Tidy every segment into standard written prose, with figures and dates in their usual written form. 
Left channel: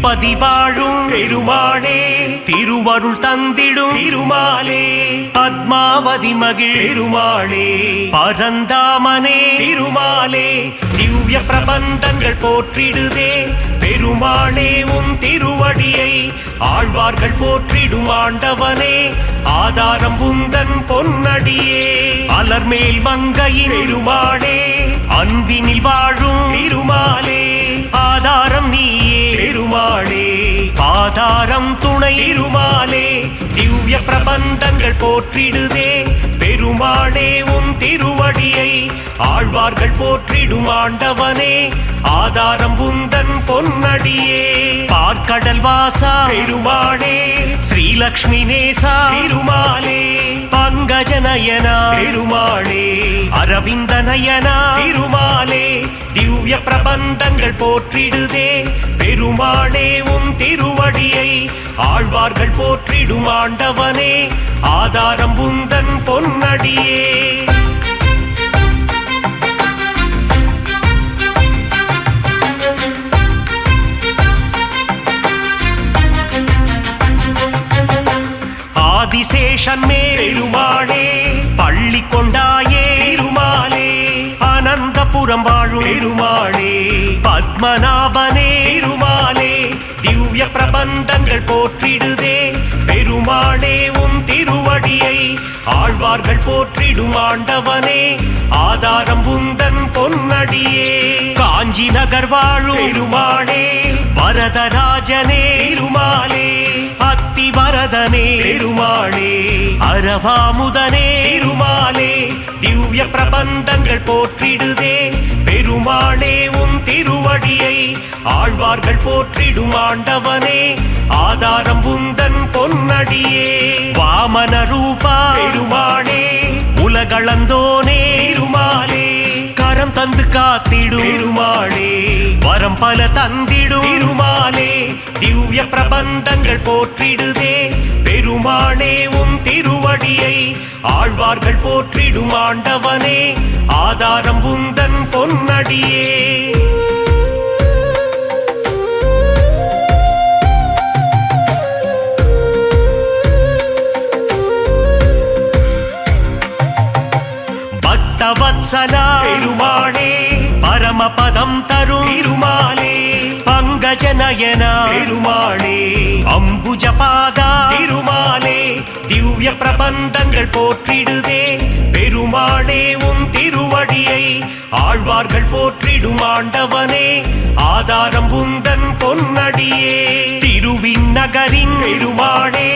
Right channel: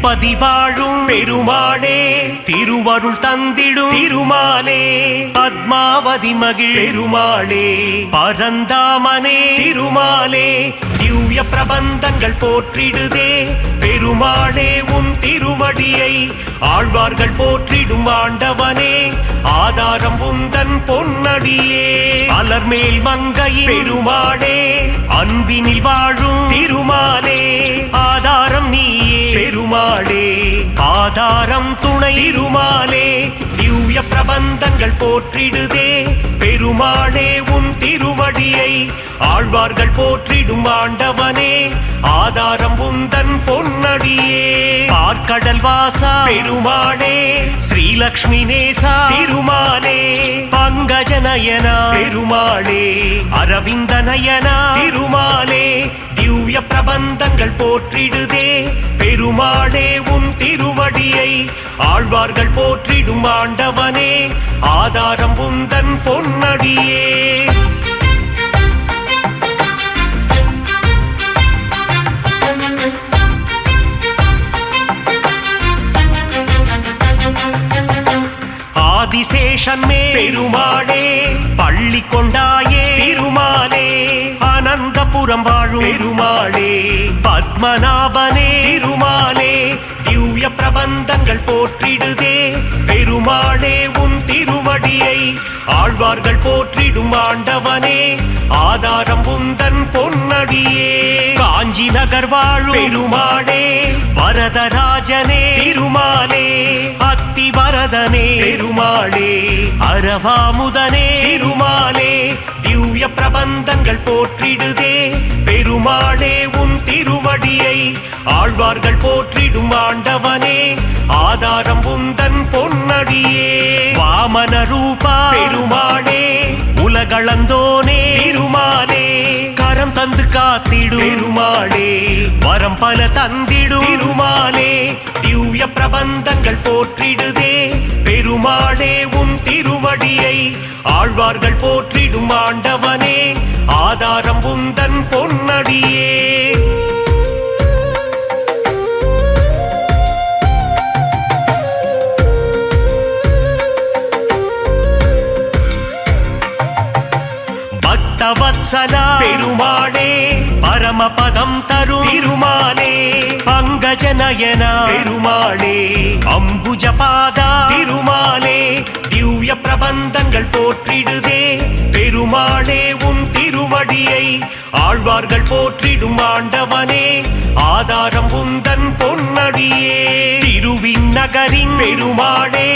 திருப்பதி வாழும் பெருமாளே, திருவருள் தந்திடும் திருமாலே, பத்மாவதி மகிழ் பெருமாளே, பரந்தாமனே திருமாலே, திவ்ய பிரபந்தங்கள் போற்றிடுதே பெருமாளே, உன் திருவடியை ஆழ்வார்கள் போற்றிடும் ஆண்டவனே, ஆதாரம் உந்தன் பொன்னடியே, அலர்மேல் மங்கையின் பெருமாளே, அன்பினில் வாழும் திருமாலே, ஆதாரம் நீயே பெருமாளே, ஆதாரம் துணை திருமாலே, திவ்ய பிரபந்தங்கள் போற்றிடுதே பெருமாளே, உன் திருவடியை ஆழ்வார்கள் போற்றிடும் ஆண்டவனே, ஆதாரம் உந்தன் பொன்னடியே, பார்க்கடல் வாசா பெருமாளே, ஸ்ரீலக்ஷ்மி நேசா திருமாலே, பங்கஜநயனா பெருமாளே, அரவிந்த நயனா திருமாலே, திவ்ய பிரபந்தங்கள் போற்றிடுதே பெருமாளே, உன் திருவடியை ஆழ்வார்கள் போற்றிடும் ஆண்டவனே, ஆதாரம் உந்தன் பொன்னடியே. ஆதிசேஷன் மேல் பெருமாளே, பள்ளி கொண்டாயே பெருமாளே, அனந்தபுரம் வாழும் பெருமாளே, பத்மநாபனே பெருமாளே, திவ்ய பிரபந்தங்கள் போற்றிடுதே பெருமாளே, உன் திருவடியை ஆழ்வார்கள் போற்றிடும் ஆண்டவனே, ஆதாரம் உந்தன் பொன்னடியே, காஞ்சி நகர் வாழும் பெருமாளே, வரதராஜனே பெருமாளே, அத்திவரதனே பெருமாளே, அரவாமுதனே பெருமாளே, திவ்ய பிரபந்தங்கள் போற்றிடுதே பெருமாளே, உன் திருவடியை ஆழ்வார்கள் போற்றிடும் ஆண்டவனே, ஆதாரம் உந்தன் பொன்னடியே, வாமன ரூபா பெருமாளே, உலகளந்தோனே பெருமாளே, கரம் தந்து காத்திடும் பெருமாளே, வரம் பல தந்திடும் திருமாலே, திவ்ய பிரபந்தங்கள் போற்றிடுதே பெருமாளே, உன் திருவடியை ஆழ்வார்கள் போற்றிடும் ஆண்டவனே, ஆதாரம் உந்தன் பொன்னடியே. பக்தவத்சலா பெருமாளே, பரமபதம் தரும் திருமாலே, பங்கஜநயனா பெருமாளே, அம்புஜபாதா திருமாலே, திவ்ய பிரபந்தங்கள் போற்றிடுதே பெருமாளே, உன் திருவடியை ஆழ்வார்கள் போற்றிடும் ஆண்டவனே, ஆதாரம் உந்தன் பொன்னடியே, திருவிண்ணகரின் பெருமாளே,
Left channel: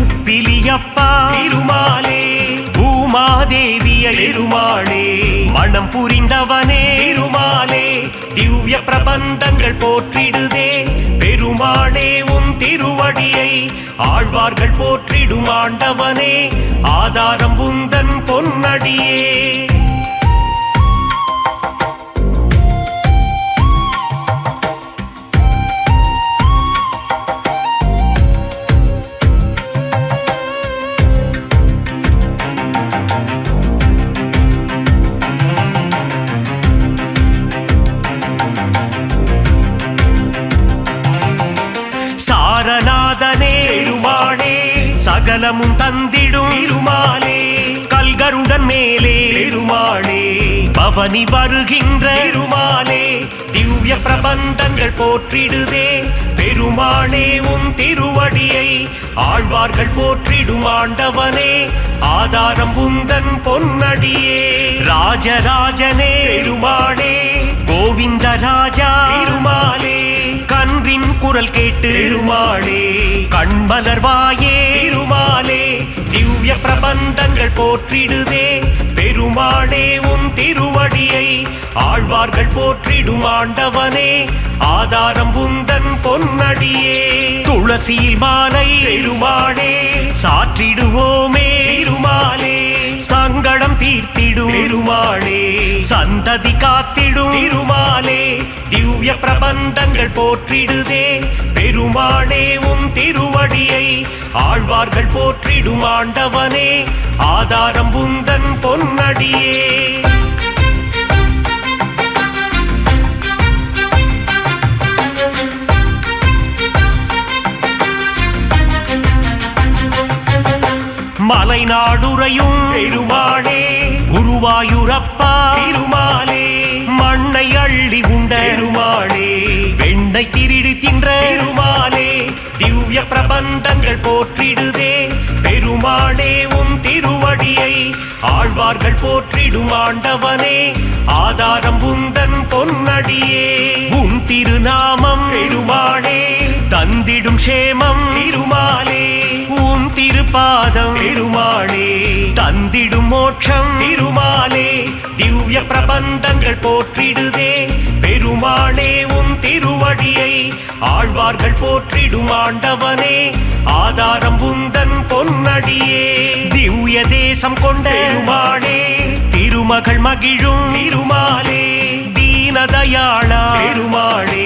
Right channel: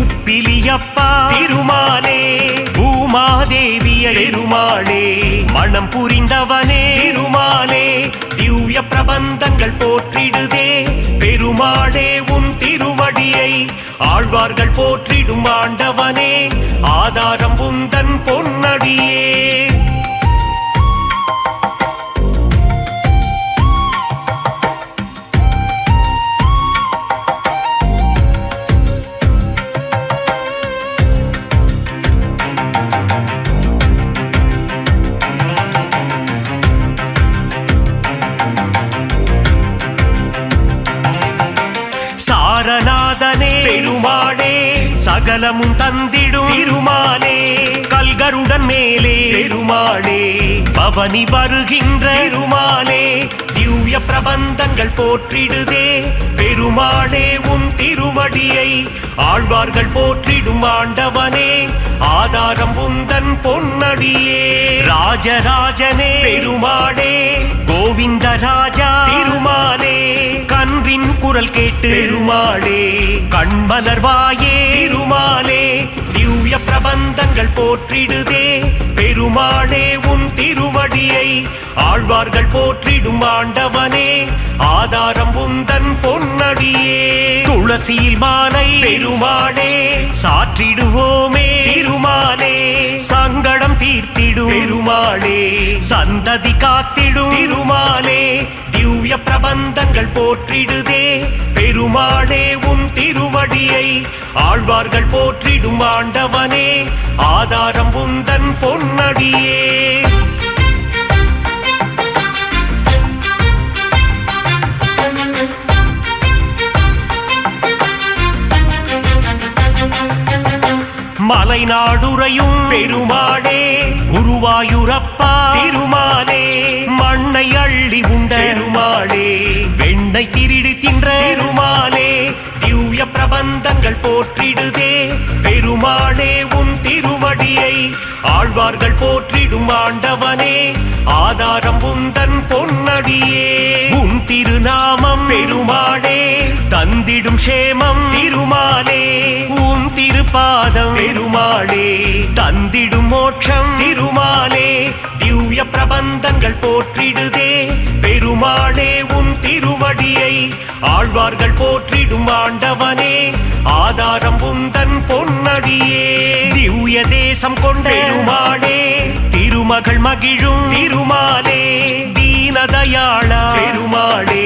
உப்பிலியப்பா திருமாலே, பூமாதேவியை பெருமாளே, மனம் புரிந்தவனே பெருமாலே, திவ்ய பிரபந்தங்கள் போற்றிடுதே பெருமாளே, உன் திருவடியை ஆழ்வார்கள் போற்றிடும் ஆண்டவனே, ஆதாரம் உந்தன் பொன்னடியே. சாரநாதனே பெருமாளே, சகலமும் தந்திடும் திருமாலே, கல்கருடன் மேலே பெருமாளே, பவனி வருகின்ற பெருமாலே, திவ்ய பிரபந்தங்கள் போற்றிடுதே பெருமாளே, உன் திருவடியை ஆழ்வார்கள் போற்றிடும் ஆண்டவனே, ஆதாரம் உந்தன் பொன்னடியே, ராஜராஜனே பெருமாளே, கோவிந்த ராஜா பெருமாலே, கன்றின் குரல் கேட்டு பெருமாளே, கண்மலர்வாயே பெருமாலே, திவ்ய பிரபந்தங்கள் போற்றிடுதே பெருமாளே, உன் திருவடியை ஆழ்வார்கள் போற்றிடும் ஆண்டவனே, ஆதாரம் உந்தன் பொன்னடியே, துளசியில் மாலை பெருமாளே, சாற்றிடுவோமே பெருமாளே, சங்கடம் தீர்த்திடும் பெருமாளே, சந்ததி காத்திடும் திருமாலே, திவ்ய பிரபந்தங்கள் போற்றிடுதே பெருமாளே, உன் திருவடியை ஆழ்வார்கள் போற்றிடும் ஆண்டவனே, ஆதாரம் உந்தன் பொன்னடியே. மலைநாடுரையும் பெருமாளே குருவாயூரப்பா பெருமாளே மண்ணை அள்ளி உண்ட பெருமாளே வெண்ணை திருடி தின்ற பெருமாளே திவ்ய பிரபந்தங்கள் போற்றிடுதே பெருமாளே உன் திருவடியை ஆழ்வார்கள் போற்றிடும் ஆண்டவனே ஆதாரம் உந்தன் பொன்னடியே உன் திருநாமம் பெருமாளே தந்திடும் சேமம் திருமாலே உன் திருப்பாதம் பெருமாளே தந்திடும் மோட்சம் திருமாலே திவ்ய பிரபந்தங்கள் போற்றிடுதே பெருமாளே உன் திருவடியை ஆழ்வார்கள் போற்றிடும் ஆண்டவனே ஆதாரம் உந்தன் பொன்னடியே திவ்ய தேசம் கொண்ட பெருமாளே திருமகள் மகிழும் திருமாலே தீனதயாளா பெருமாளே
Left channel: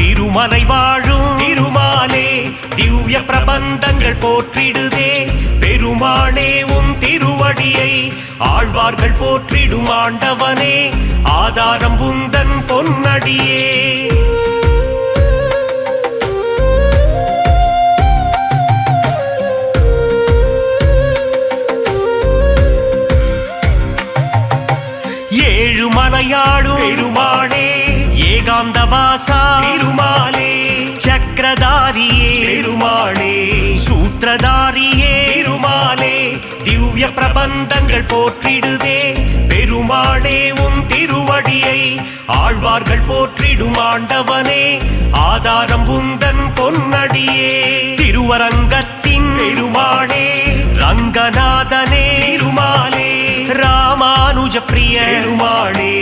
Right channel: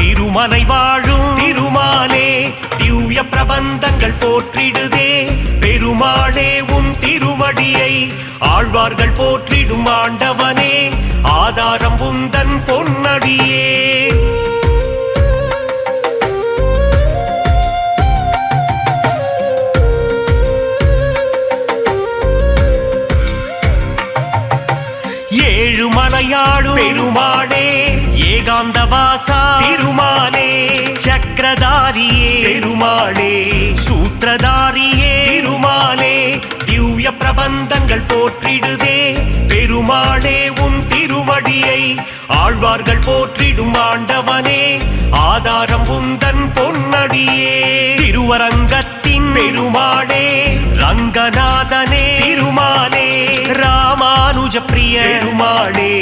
திருமலை வாழும் திருமாலே திவ்ய பிரபந்தங்கள் போற்றிடுதே பெருமாளே உன் திருவடியை ஆழ்வார்கள் போற்றிடும் ஆண்டவனே ஆதாரம் உந்தன் பொன்னடியே ஏழுமலையாடும் பெருமாளே ஏகாந்தவாசா பெருமாளே சக்கரதாரியே பெருமாளே சூத்திரதாரியே பெருமாளே திவ்ய பிரபந்தங்கள் போற்றிடுதே பெருமாளே உன் திருவடியை ஆழ்வார்கள் போற்றிடும் ஆண்டவனே ஆதாரம் உந்தன் பொன்னடியே திருவரங்கத்தின் பெருமாளே ரங்கநாதனே பெருமாளே ராமானுஜ பிரிய பெருமாளே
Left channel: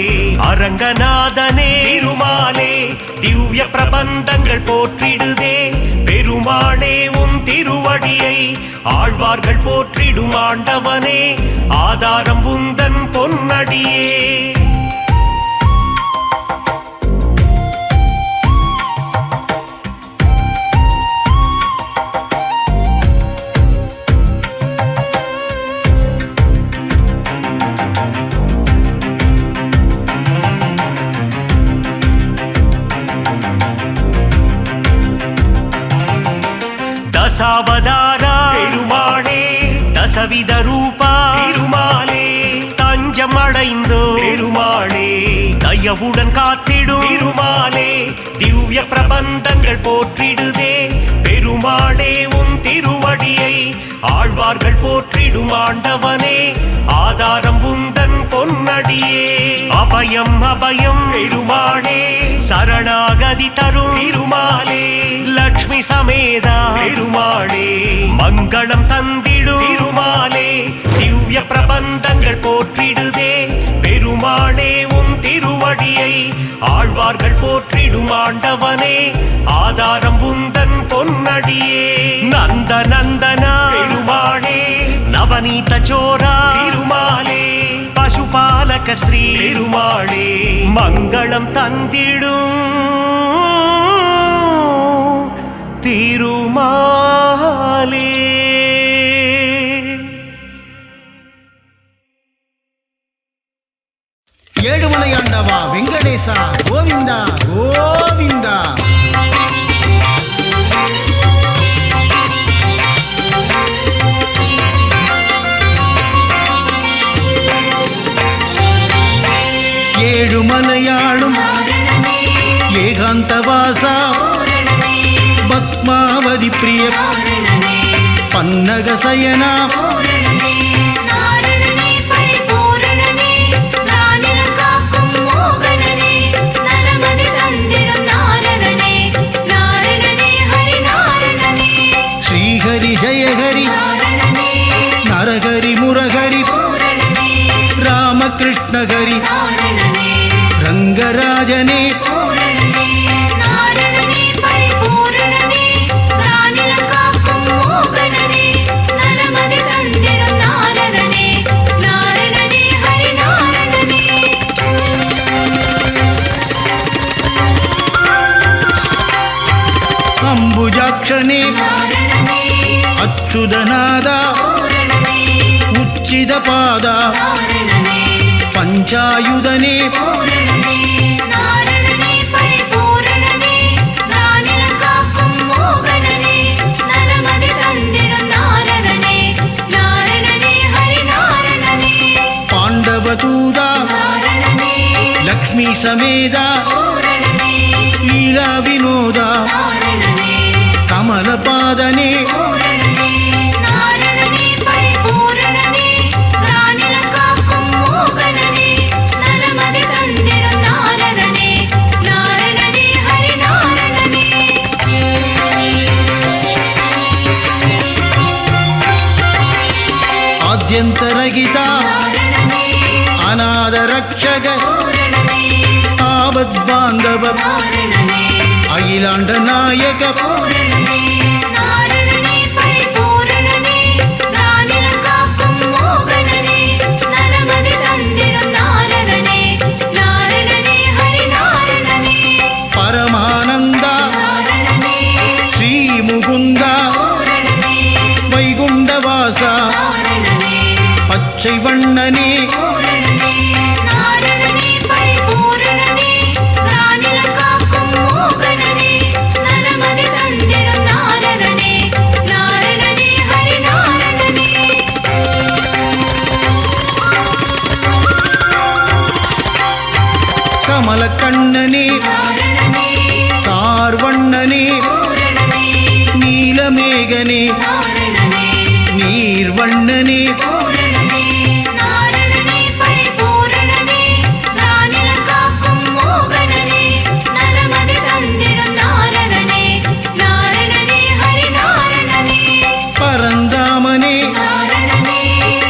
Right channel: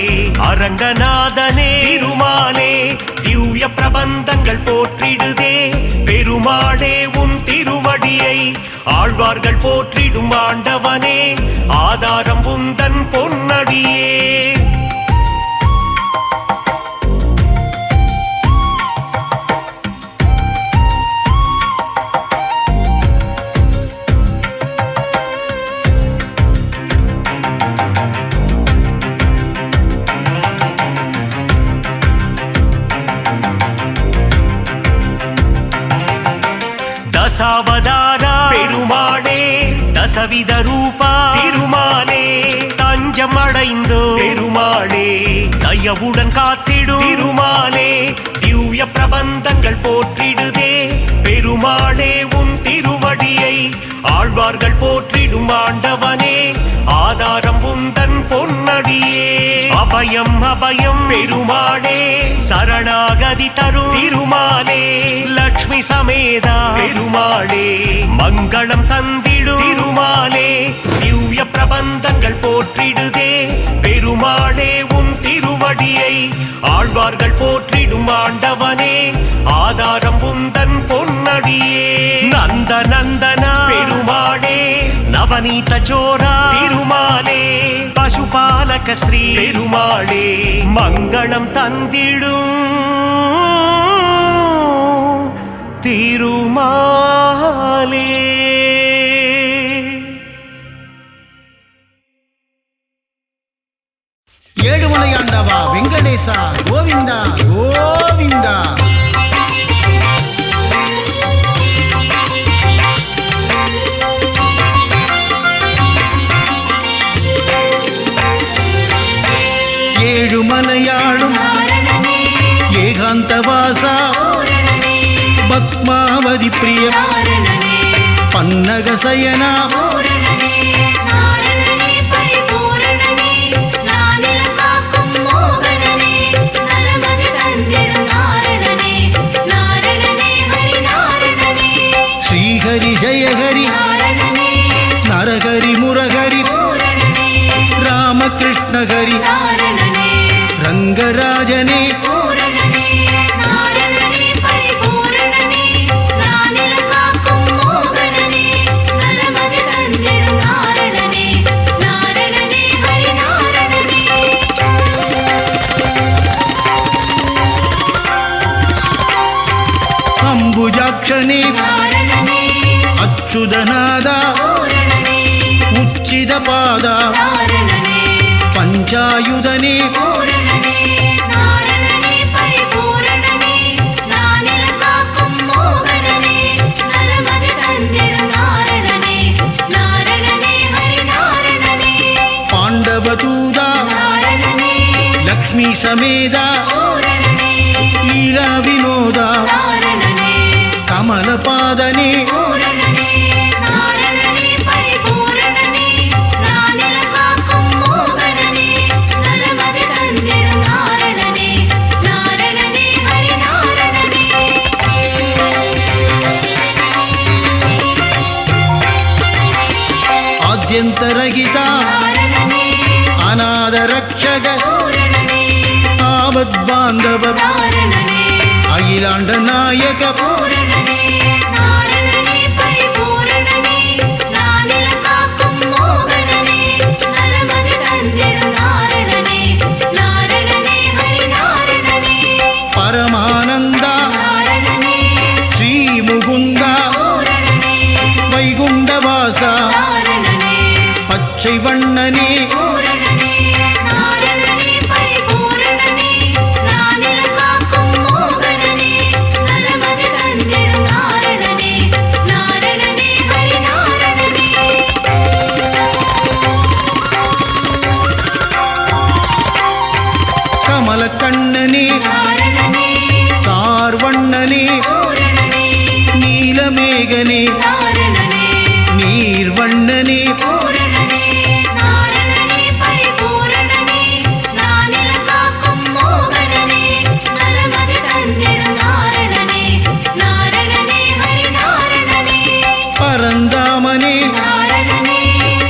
அரங்கநாதனே பெருமாளே திவ்ய பிரபந்தங்கள் போற்றிடுதே பெருமாளே உன் திருவடியை ஆழ்வார்கள் போற்றிடும் ஆண்டவனே ஆதாரம் உந்தன் பொன்னடியே தசாவதாரா பெருமாளே தசவித ரூபா பெருமாளே தஞ்சம் அடைந்தோ பெருமாளே தயவுடன் காத்திடும் பெருமாளே திவ்ய பிரபந்தங்கள் போற்றிடுதே பெருமாளே உன் திருவடியை ஆழ்வார்கள் போற்றிடும் ஆண்டவனே ஆதாரம் உந்தன் பொன்னடியே அபயம் அபயம் பெருமாளே சரணாகதி தரும் பெருமாளே லக்ஷ்மி சமேதா பெருமாளே மங்களம் தந்திடும் பெருமாளே திவ்ய பிரபந்தங்கள் போற்றிடுதே பெருமாளே உன் திருவடியை ஆழ்வார்கள் போற்றிடும் ஆண்டவனே ஆதாரம் உந்தன் பொன்னடியே நந்த நந்தனா பெருமாளே நவநீத சோரா பெருமாளே பசுபாலக ஸ்ரீ பெருமாளே மங்களம் தந்திடும் திருமாலே ஏழுமலையாண்டவா வெங்கடேசா கோவிந்தா கோவிந்தா ஏழுமலையாளும் ஏகாந்தவாசா பத்மாவதி பிரிய பன்னகசயனா ஸ்ரீஹரி ஜெயஹரி நரஹரி முரஹரி ராமகிருஷ்ணஹரி ரங்கராஜனே அம்புஜாக்ஷனே அச்சுதநாதா உச்சிதபாதா பஞ்சாயுதனே தாண்டவதூதா நாரணனே லக்ஷ்மி சமேதா பூரணனே லீலா வினோதா நாரணனே கமலபாதனே பூரணனே நாரணனே பரிபூரணனே நானிலம் காக்கும் மோகனனே நலமதி தந்திடும் நாரணனே நாரணனே ஹரி நாரணனே ஆத்யந்தரகிதா நாரணனே அநாதரக்ஷக பூரணனே ஆபத்பாந்தவ நாரணனே அகிலாண்ட நாயக பூரணனே நாரணனே பரிபூரணனே நானிலம் காக்கும் மோகனனே நலமதி தந்திடும் நாரணனே நாரணனே ஹரி நாரணனே பரமானந்தா நாரணனே ஸ்ரீ முகுந்தா பூரணனே வைகுண்டவாசா நாரணனே பச்சை வண்ணனே பூரணனே நாரணனே பரிபூரணனே நானிலம் காக்கும் மோகனனே நலமதி தந்திடும் நாரணனே நாரணனே ஹரி நாரணனே கமலக்கண்ணனே நாரணனே கார்வண்ணனே பூரணனே நீலமேகனே நாரணனே நீர்வண்ணனே பூரணனே நாரணனே பரிபூரணனே நானிலம் காக்கும் மோகனனே நலமதி தந்திடும் நாரணனே நாரணனே ஹரி நாரணனே பரந்தாமனே நாரணனே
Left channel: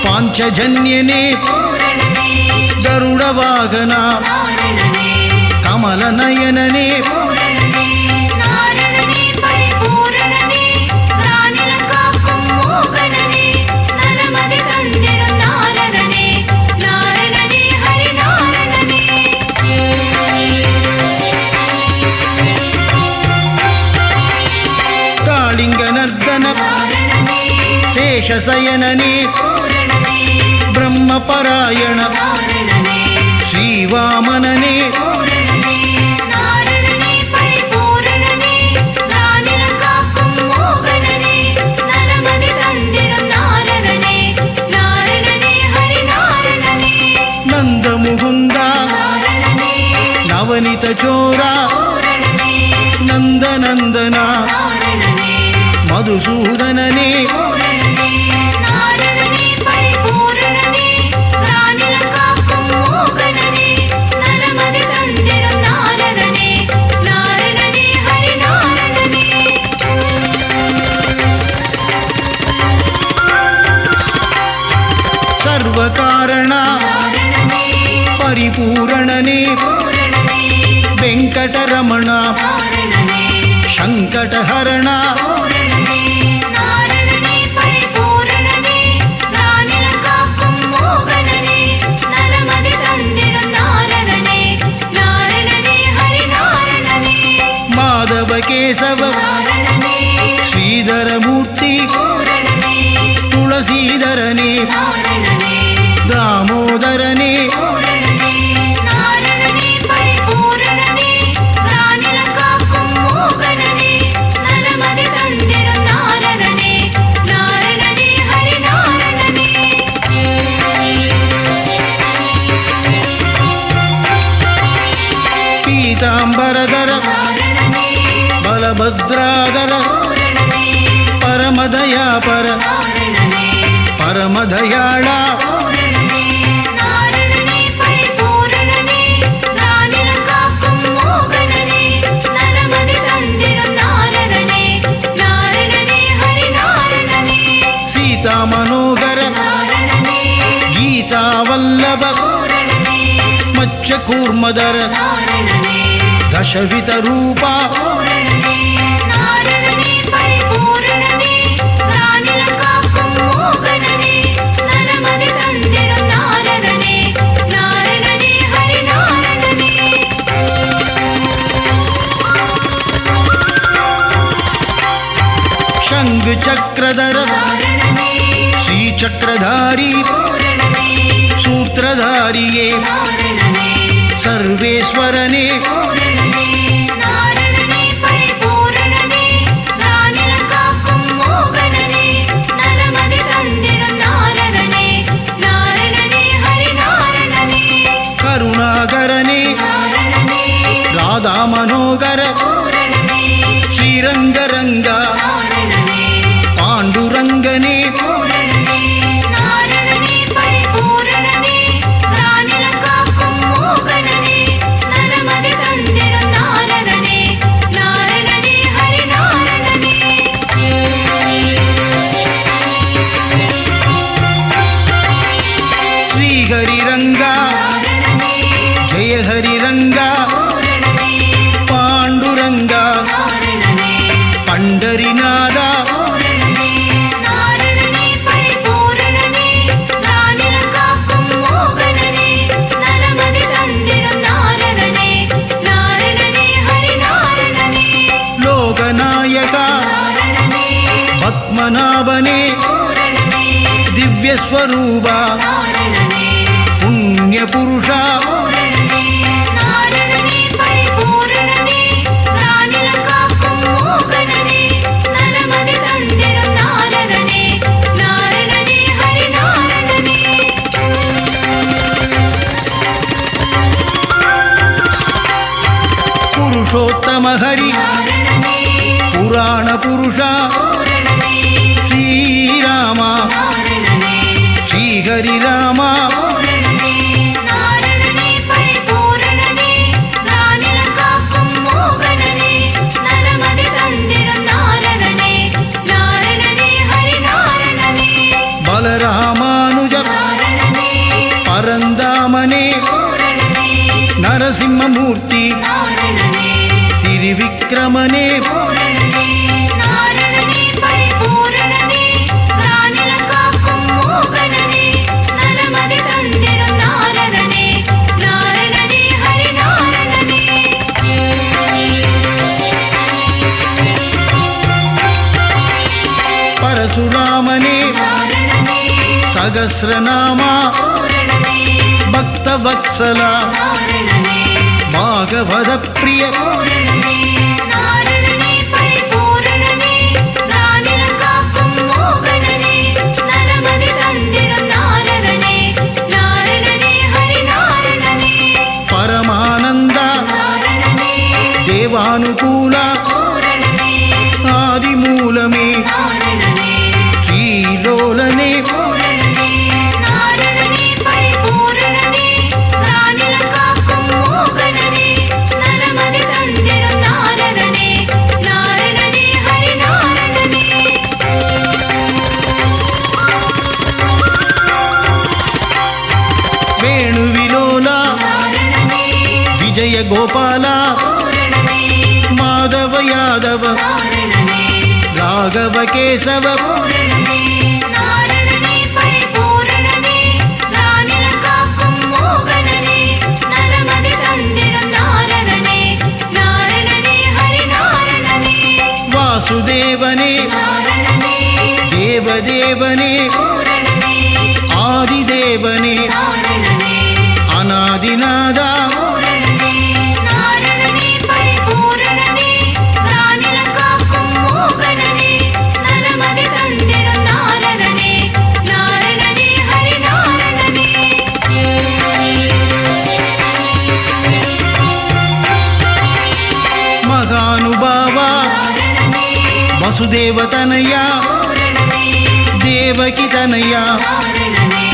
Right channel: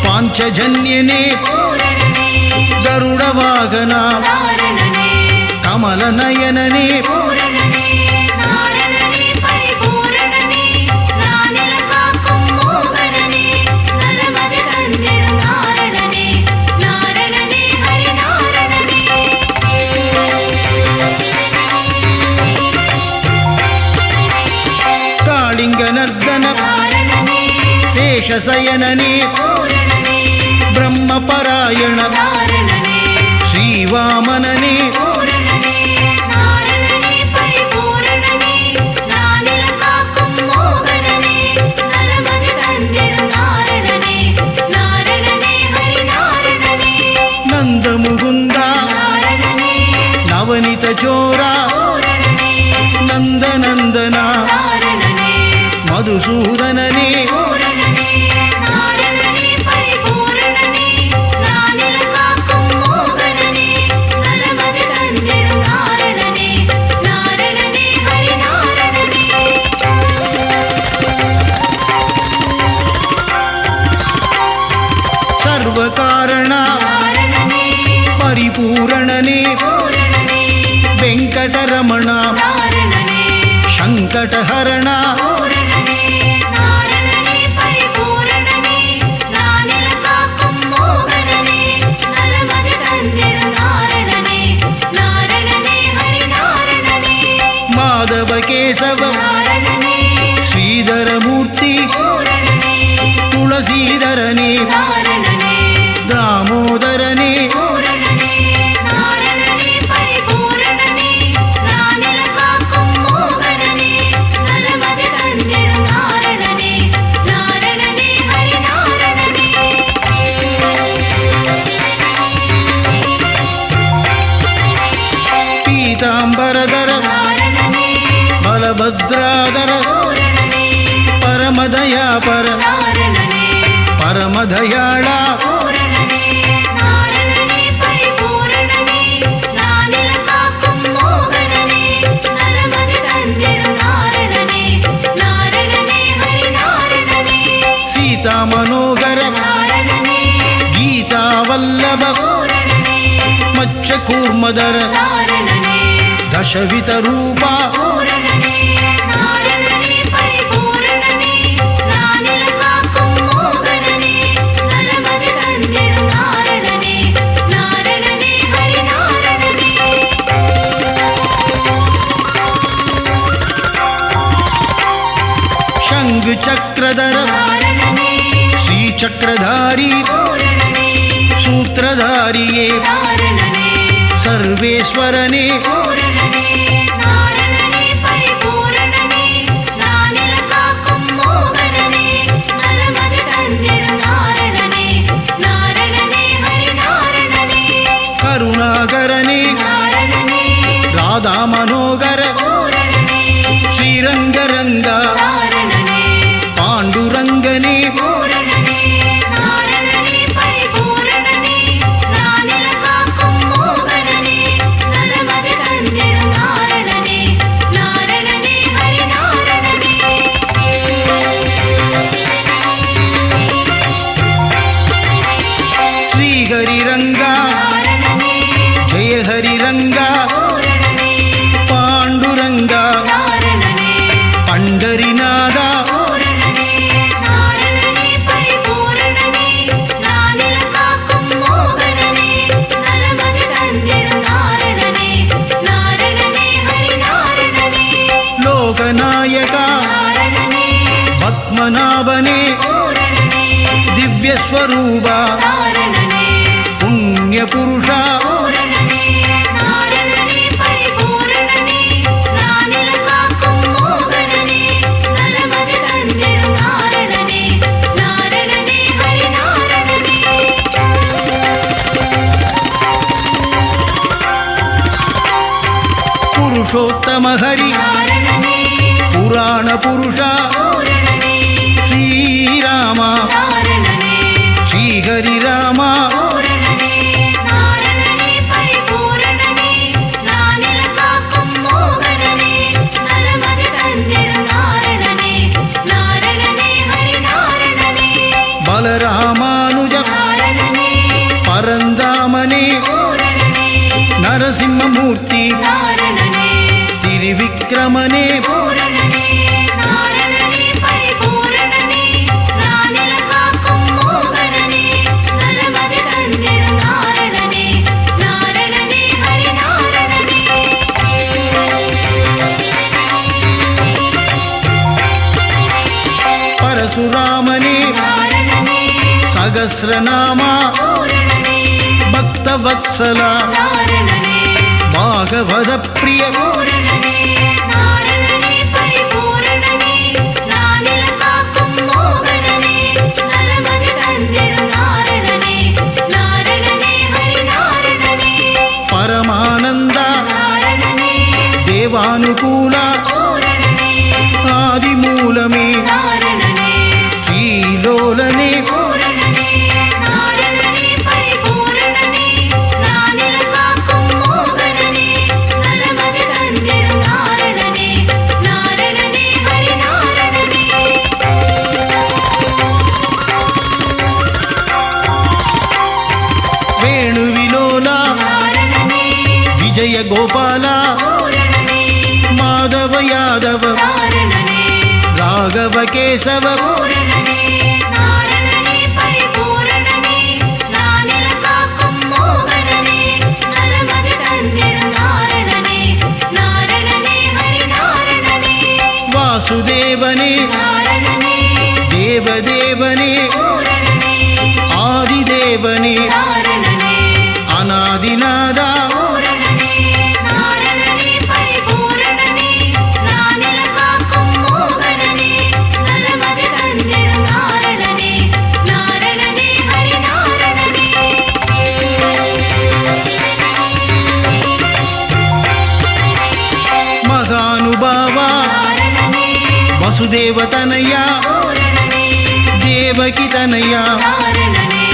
பாஞ்சஜன்யனே பூரணனே கருடவாகனா நாரணனே கமலநயனனே பூரணனே நாரணனே பரிபூரணனே நானிலம் காக்கும் மோகனனே நலமதி தந்திடும் நாரணனே நாரணனே ஹரி நாரணனே காளிங்கநர்தன நாரணனே சேஷசயனனே பூரணனே பிரம்மபராயண நாரணனே ஸ்ரீவாமனனே பூரணனே நாரணனே பரிபூரணனே நானிலம் காக்கும் மோகனனே நலமதி தந்திடும் நாரணனே நாரணனே ஹரி நாரணனே நந்தமுகுந்தா நாரணனே நவனித சோரா பூரணனே நந்தநந்தனா நாரணனே மதுசூதனனே பூரணனே நாரணனே பரிபூரணனே நானிலம் காக்கும் மோகனனே நலமதி தந்திடும் நாரணனே நாரணனே ஹரி நாரணனே சர்வகாரணா நாரணனே பரிபூரணனே பூரணனே வெங்கடரமணா நாரணனே சங்கடஹரணா பூரணனே நாரணனே பரிபூரணனே நானிலம் காக்கும் மோகனனே நலமதி தந்திடும் நாரணனே நாரணனே ஹரி நாரணனே மாதவ கேசவ நாரணனே ஸ்ரீதரமூர்த்தி பூரணனே துளசீதரனே நாரணனே தாமோதரனே பூரணனே நாரணனே பரிபூரணனே நானிலம் காக்கும் மோகனனே நலமதி தந்திடும் நாரணனே நாரணனே ஹரி நாரணனே பீதாம்பரதர நாரணனே பலபத்ராதர பூரணனே பரமதயாபர நாரணனே பரமதயாளா பூரணனே நாரணனே பரிபூரணனே நானிலம் காக்கும் மோகனனே நலமதி தந்திடும் நாரணனே நாரணனே ஹரி நாரணனே சீதா மனோகர நாரணனே கீதாவல்லப பூரணனே மச்ச கூர்மதர நாரணனே தசவித ரூபா பூரணனே நாரணனே பரிபூரணனே நானிலம் காக்கும் மோகனனே நலமதி தந்திடும் நாரணனே நாரணனே ஹரி நாரணனே சங்கு சக்கரதர நாரணனே ஸ்ரீசக்கரதாரி பூரணனே சூத்திரதாரியே நாரணனே சர்வேஸ்வரனே பூரணனே நாரணனே பரிபூரணனே நானிலம் காக்கும் மோகனனே நலமதி தந்திடும் நாரணனே நாரணனே ஹரி நாரணனே கருணாகரனே நாரணனே ராதா மனோகர பூரணனே ஸ்ரீரங்கரங்கா நாரணனே பாண்டுரங்கனே பூரணனே நாரணனே பரிபூரணனே நானிலம் காக்கும் மோகனனே நலமதி தந்திடும் நாரணனே நாரணனே ஹரி நாரணனே ஸ்ரீஹரிரங்கா நாரணனே ஜெய ஹரிரங்கா பூரணனே பாண்டுரங்கா நாரணனே பண்டரிநாதா பூரணனே நாரணனே பரிபூரணனே நானிலம் காக்கும் மோகனனே நலமதி தந்திடும் நாரணனே நாரணனே ஹரி நாரணனே லோகநாயகா நாரணனே பத்மநாபனே பூரணனே திவ்யஸ்வரூபா நாரணனே புண்ணியபுருஷா பூரணனே நாரணனே பரிபூரணனே நானிலம் காக்கும் மோகனனே நலமதி தந்திடும் நாரணனே நாரணனே ஹரி நாரணனே புருஷோத்தம ஹரி நாரணனே புராண புருஷா பூரணனே ஸ்ரீராமா நாரணனே ஸ்ரீஹரிராமா பூரணனே நாரணனே பரிபூரணனே நானிலம் காக்கும் மோகனனே நலமதி தந்திடும் நாரணனே நாரணனே ஹரி நாரணனே பலராமானுஜ நாரணனே பரந்தாமனே பூரணனே நரசிம்மமூர்த்தி நாரணனே திரிவிக்ரமனே பூரணனே நாரணனே பரிபூரணனே நானிலம் காக்கும் மோகனனே நலமதி தந்திடும் நாரணனே நாரணனே ஹரி நாரணனே பரசுராமனே நாரணனே சகஸ்ரநாமா பூரணனே பக்தவத்சலா நாரணனே பாகவத பிரிய பூரணனே நாரணனே பரிபூரணனே நானிலம் காக்கும் மோகனனே நலமதி தந்திடும் நாரணனே நாரணனே ஹரி நாரணனே பரமானந்தா நாரணனே தேவானுகூலா பூரணனே ஆதிமூலமே நாரணனே ஸ்ரீலோலனே பூரணனே நாரணனே பரிபூரணனே நானிலம் காக்கும் மோகனனே நலமதி தந்திடும் நாரணனே நாரணனே ஹரி நாரணனே வேணுவிலோலா நாரணனே விஜய கோபாலா பூரணனே மாதவ யாதவ நாரணனே ராகவ கேசவ பூரணனே நாரணனே பரிபூரணனே நானிலம் காக்கும் மோகனனே நலமதி தந்திடும் நாரணனே நாரணனே ஹரி நாரணனே வாசுதேவனே நாரணனே தேவதேவனே பூரணனே ஆதிதேவனே நாரணனே அநாதிநாதா பூரணனே நாரணனே பரிபூரணனே நானிலம் காக்கும் மோகனனே நலமதி தந்திடும் நாரணனே நாரணனே ஹரி நாரணனே மகானுபாவா நாரணனே வசுதேவதனயா பூரணனே தேவகி தனயா நாரணனே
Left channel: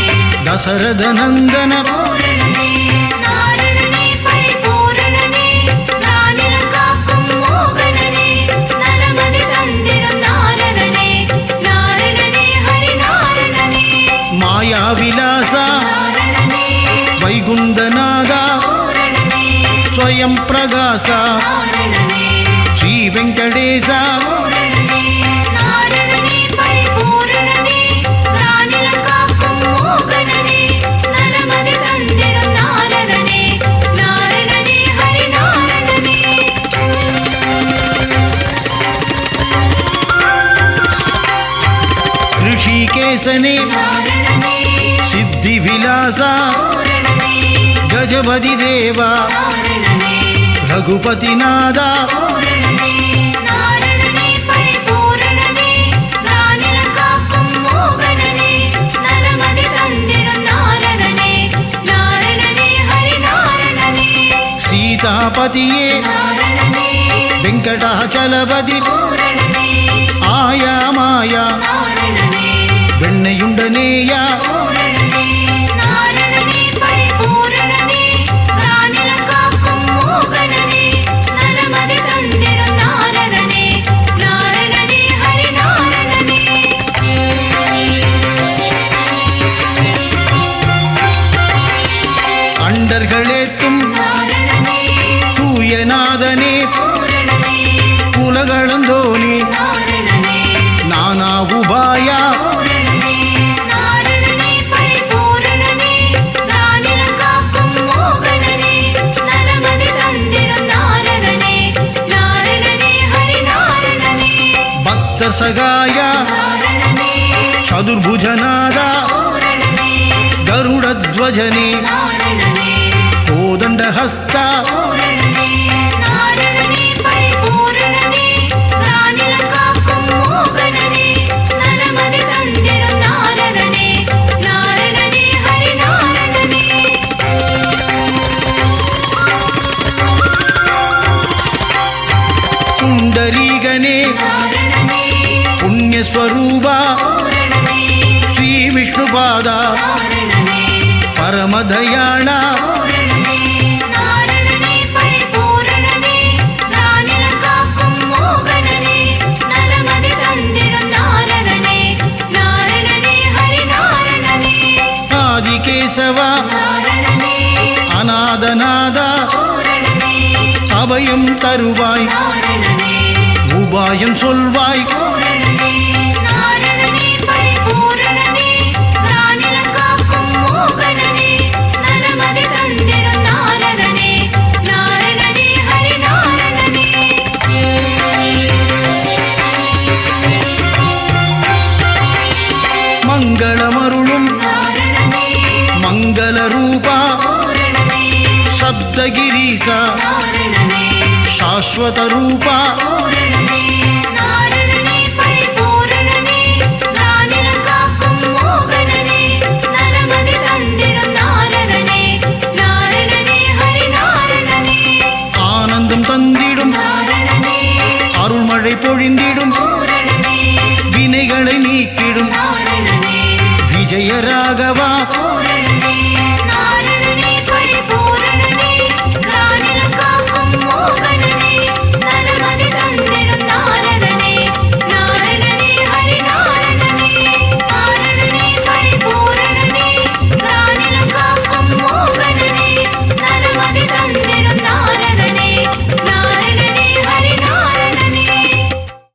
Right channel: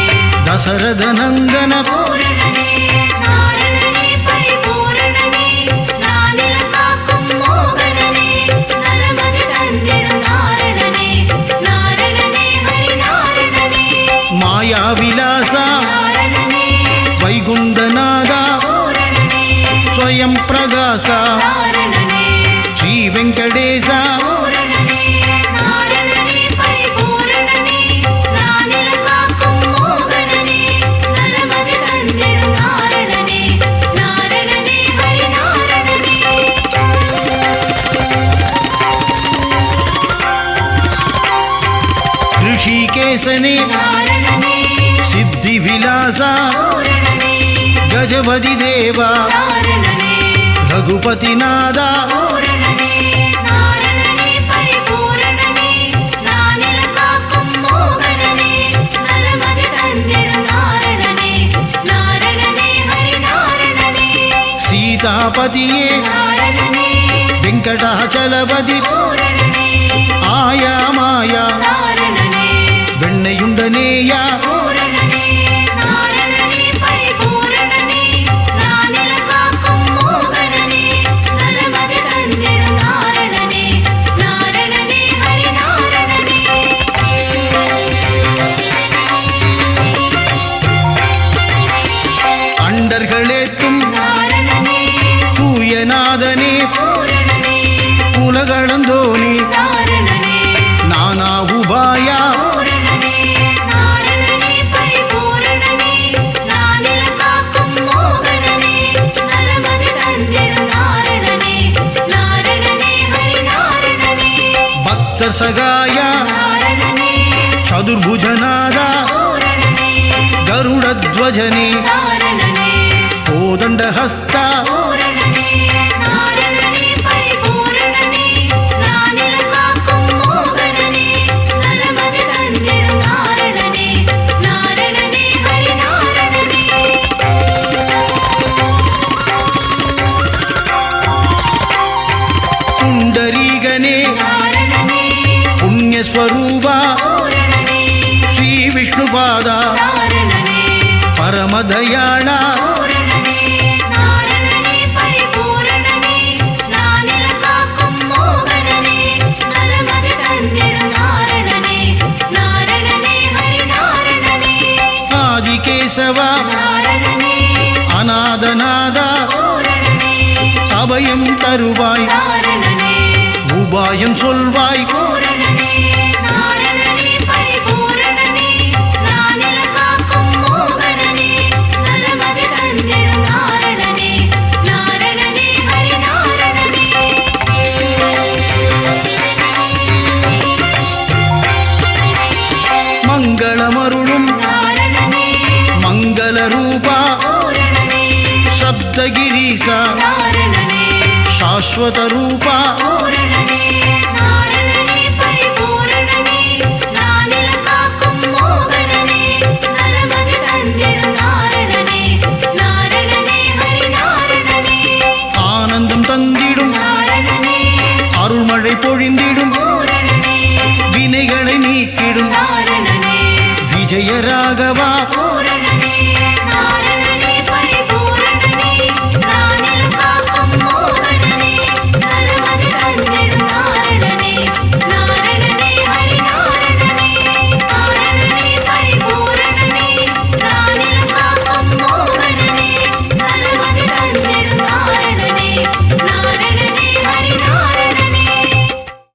தசரதநந்தன பூரணனே நாரணனே பரிபூரணனே நானிலம் காக்கும் மோகனனே நலமதி தந்திடும் நாரணனே நாரணனே ஹரி நாரணனே மாயாவிலாசா நாரணனே வைகுந்தநாதா பூரணனே ஸ்வயம் பிரகாசா நாரணனே ஸ்ரீ வெங்கடேசா பூரணனே நாரணனே பரிபூரணனே நானிலம் காக்கும் மோகனனே நலமதி தந்திடும் நாரணனே நாரணனே ஹரி நாரணனே ऋषिकेशने நாரணனே सिद्धिविलासा பூரணனே गजपतिदेवा நாரணனே रघुपतिनादा பூரணனே நாரணனே பரிபூரணனே நானிலம் காக்கும் மோகனனே நலமதி தந்திடும் நாரணனே நாரணனே ஹரி நாரணனே சீதாபதியே நாரணனே வெங்கடாச்சலபதி பூரணனே ஆயா மாயா நாரணனே வெண்ணையுண்டனேயா பூரணனே நாரணனே பரிபூரணனே நானிலம் காக்கும் மோகனனே நலமதி தந்திடும் நாரணனே நாரணனே ஹரி நாரணனே அண்டர்களேத்தும் நாரணனே தூயநாதனே பூரணனே உலகளந்தோனே நாரணனே நானா உபாயா பூரணனே நாரணனே பரிபூரணனே நானிலம் காக்கும் மோகனனே நலமதி தந்திடும் நாரணனே நாரணனே ஹரி நாரணனே பக்தர் சகாயா நாரணனே சதுர்புஜநாதா பூரணனே கருடத்வஜனே நாரணனே கோதண்டஹஸ்தா பூரணனே நாரணனே பரிபூரணனே நானிலம் காக்கும் மோகனனே நலமதி தந்திடும் நாரணனே நாரணனே ஹரி நாரணனே புண்டரீகனே நாரணனே புண்ணியஸ்வரூபா பூரணனே ஸ்ரீ விஷ்ணுபாதா நாரணனே பரமதயாளா பூரணனே நாரணனே பரிபூரணனே நானிலம் காக்கும் மோகனனே நலமதி தந்திடும் நாரணனே நாரணனே ஹரி நாரணனே ஆதிகேசவா நாரணனே அநாதநாதா பூரணனே அபயம் தருவாய் நாரணனே உபாயம் சொல்வாய் பூரணனே நாரணனே பரிபூரணனே நானிலம் காக்கும் மோகனனே நலமதி தந்திடும் நாரணனே நாரணனே ஹரி நாரணனே மங்களமருளும் நாரணனே மங்கள ரூபா பூரணனே சப்தகிரீசா நாரணனே சாஸ்வத ரூபா பூரணனே நாரணனே பரிபூரணனே நானிலம் காக்கும் மோகனனே நலமதி தந்திடும் நாரணனே நாரணனே ஹரி நாரணனே ஆனந்தம் தந்திடும் நாரணனே அருள்மழை பொழிந்திடும் பூரணனே வினைகளை நீக்கிடும் நாரணனே விஜயராகவா பூரணனே